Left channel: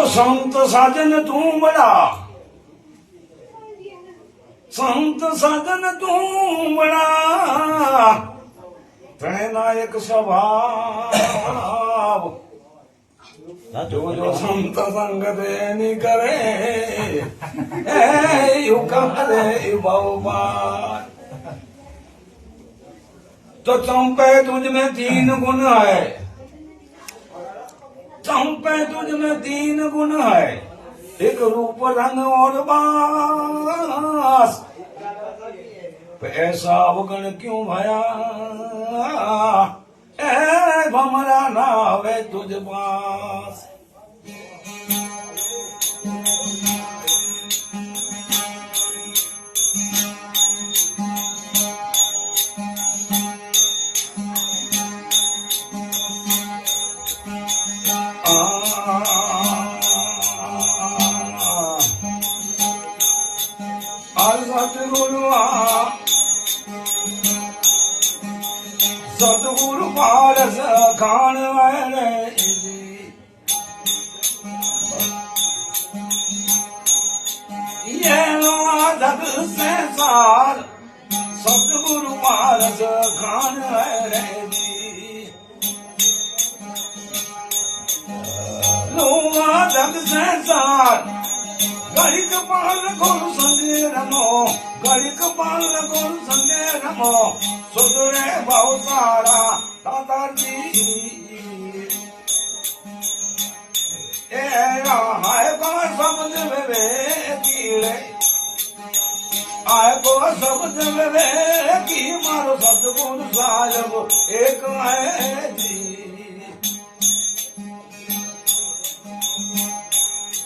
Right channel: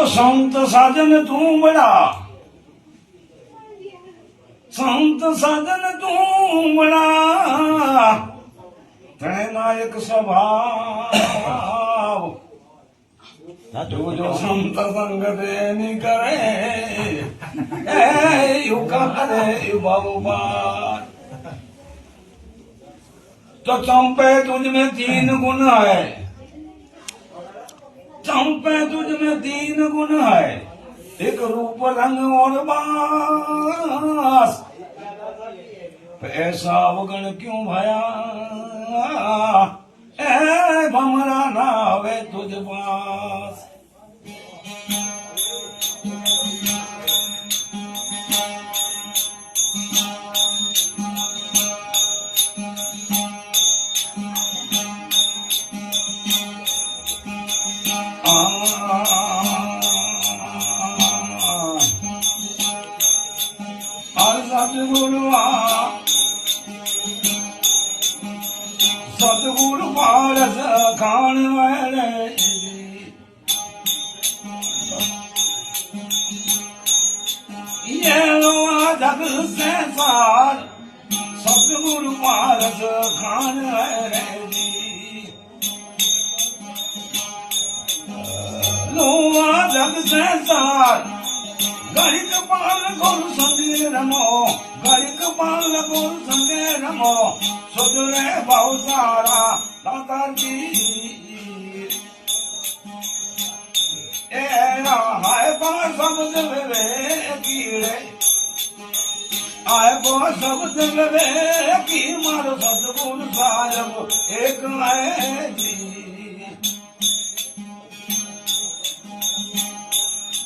तो संत साजन तू बड़ा संत साजन तू बड़ा नायक स्वभाव जो जो संत संग देनी करे ए यू करे बहुबार तो चंपे तुझ में तीन गुण है ચંપે તુજને દીન ગુણ હૈ. એક રૂપ રંગ ઓર બાસ. પૈસા વગણ ક્યું ભયા? એ ભમરા ના આવે તુજ પાસ. Al-Zadrullah Zadrul Barasa Khan Vareji Ye Vadak Sensar Zadrul Barasa Khan Vareji Lo Vadak Sensar ગણિત પાલ ગુરુ સંગે રમો ગણિત પાલ ગુરુ સંગે રમો સુધરે બહુ સારા દાદાજી. એ રાહાય કો સમજ રે કીડે. આય કો સમજ રે કી મારો સદગુણ સાજબ એક હે જી.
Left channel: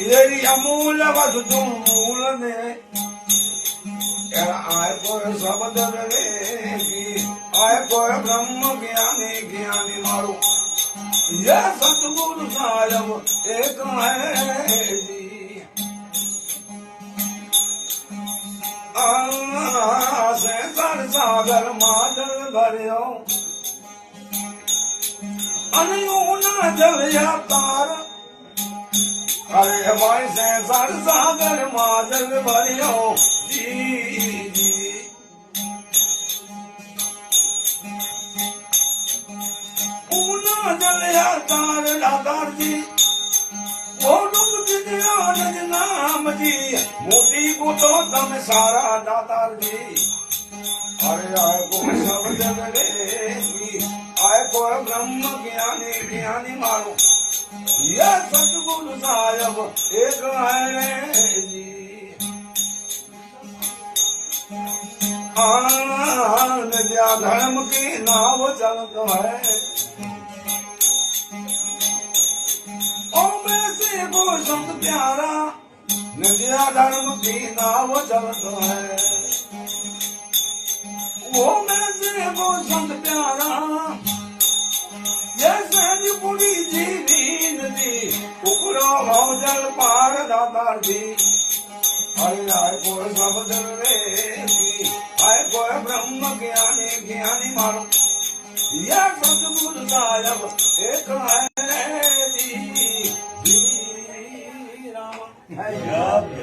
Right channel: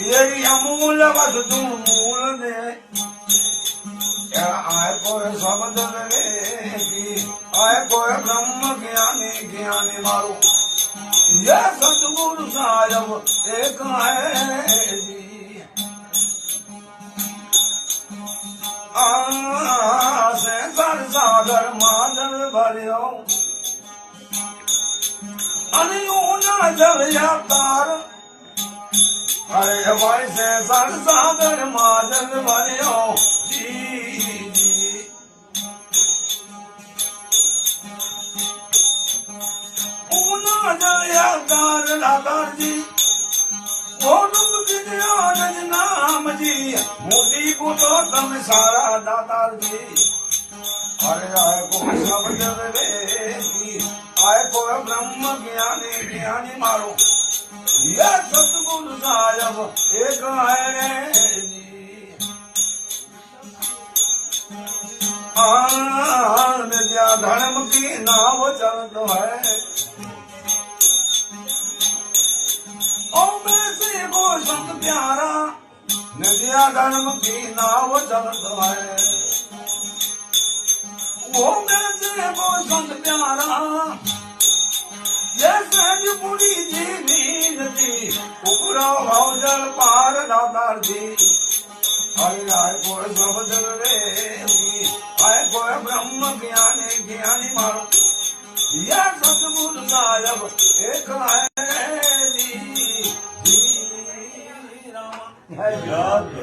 तेरी अमूल वस्तु मूल ने आय को शब्द की आय को ब्रह्म ज्ञानी ज्ञानी मारो यह सतगुरु सारव एक है सागर माजन भरियो अनियो न जल तार अरे हमारे से सर सागर मादल भरियो। जी ऊना जया नज नाम जी। मोती को तो सारा दातार जी। अरे आए को आए को ब्रह्म ज्ञानी ज्ञानी मारो। ये सतगुरु साहब एक जी। धर्म की नाव चलत है। संत प्यारा नित्या धर्म की नाव चलत है। ओ मेरे से को संत प्यारा, जैसे बुरी जीवीन जी लो भौजल पार दादार दी हरि राय को सब जन रे आय को ब्रह्म ज्ञाने ज्ञानी मारो या सतबुद्ध गायब एक है दी राम